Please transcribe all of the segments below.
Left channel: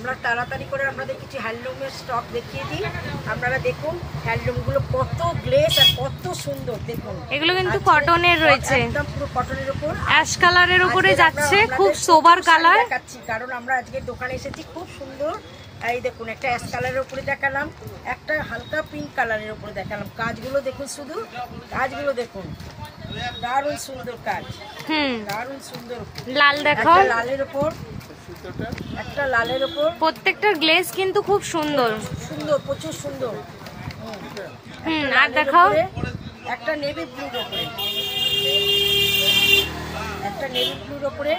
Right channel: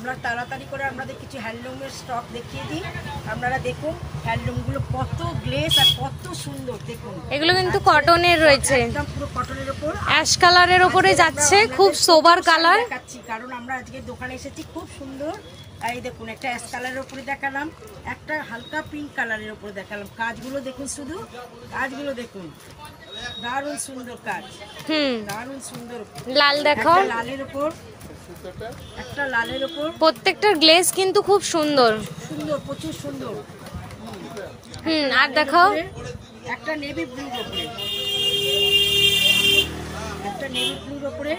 আমরা তাড়াতাড়ি করে আপনাদের কিছু হ্যান্ডলুমের স্টক দেখিয়ে দিই। আপনারা দেখুন হ্যান্ডলুমগুলো কত গ্লেস আর কত সুন্দর। দেখুন এগুলো কিন্তু কটনের রয়েছে, একদম পুরো কটনের উপর অ্যাশ কালারের উপরে যাচ্ছে, খুব সোবার কালার দেখাচ্ছি কারণ আমরা আজকে দোকানে এসেছি। খুব সুন্দর। এই দেখুন একটা অ্যাশ কালারের উপরে দেখালাম, একটা হালকা পিঙ্ক কালারের উপরে দেখালাম। কাজগুলো দেখুন, শুধু কাজগুলো দেখুন, দারুণ সুন্দর কাজ। দারুণ সুন্দর। লাল দেখাও, লালের উপর একটা লালের উপর। প্রত্যেকটার গ্লেজ কিন্তু খুব সুন্দর সুন্দর, প্রচুর সুন্দর। আর দেখাও একটা নেভি ব্লুর উপরে, একটা নেভি ব্লুর উপরে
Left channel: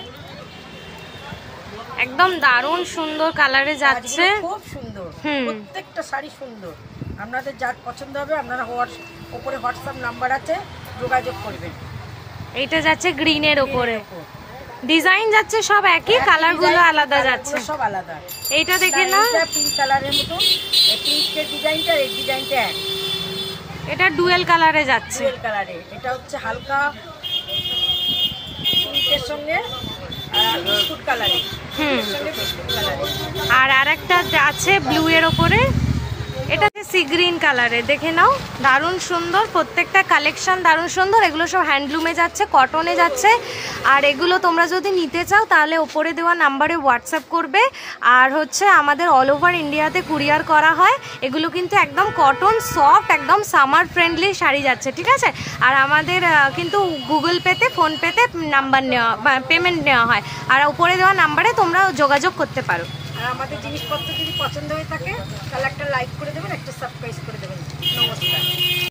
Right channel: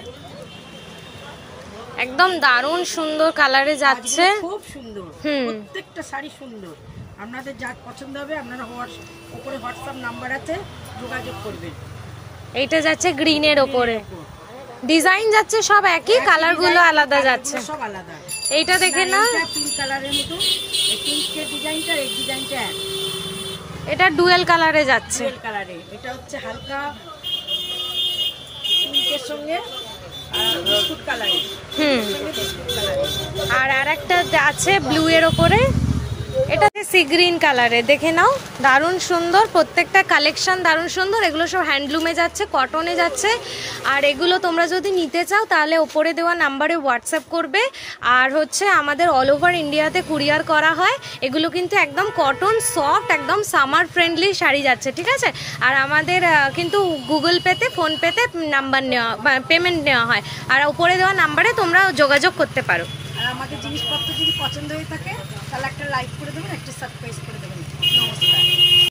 একদম দারুণ সুন্দর কালারে যাচ্ছে, খুব সুন্দর। প্রত্যেকটা শাড়ি সুন্দর। আপনাদের যা পছন্দ হবে আপনারা উপরে হোয়াটসঅ্যাপ নাম্বার আছে, যোগাযোগ করবেন। এইটা যাচ্ছে গ্রিনের উপরে, ডিজাইন যাচ্ছে সব একই, কালার গুলো আলাদা যাচ্ছে, সব আলাদা। এইটা দেখে না, পিঙ্ক কালারের মতো, পিঙ্কের ডিজাইনটা এই ডিজাইনটা এক। এটা ডুয়েল কালারে যাচ্ছে, ডুয়েল কালারে। এটা হচ্ছে হালকা পিঙ্কের সঙ্গে বিস্কুট কালারে। আর আরেকটা আছে ব্লু এর ওপরে, এটা সি গ্রিন কালারে। দেখে নাও, দারুণ সুন্দর। প্রত্যেকটা কালেকশন দারুণ সুন্দর। এগুলো সব হ্যান্ডলুমে যাচ্ছে, কটনে যাচ্ছে। আর এগুলো তোমরা যদি নিতে চাও তাহলে ওপরে দেওয়া নাম্বারে হোয়াটসঅ্যাপ করবে। আর হচ্ছে আমাদের অল ওভার ইন্ডিয়াতে কুরিয়ার করা হয়। এগুলো কিন্তু একদম কটন সফট, একদম সামার ফ্রেন্ডলি শাড়ি যাচ্ছে, ঠিক আছে। আর আমাদের কিন্তু গুগল পেতে, ফোন পেতে নাম্বার নেওয়া, পেমেন্ট নেওয়া হয়। আর উপরে দেওয়া নাম্বারে তোমরা যোগাযোগ করতে পারো। আর আমাদের জিনিসপত্র যদি পছন্দ হয়ে থাকে তাহলে একটা লাইক করে দেবেন, একটা সাবস্ক্রাইব করে দেবেন। নমস্কার।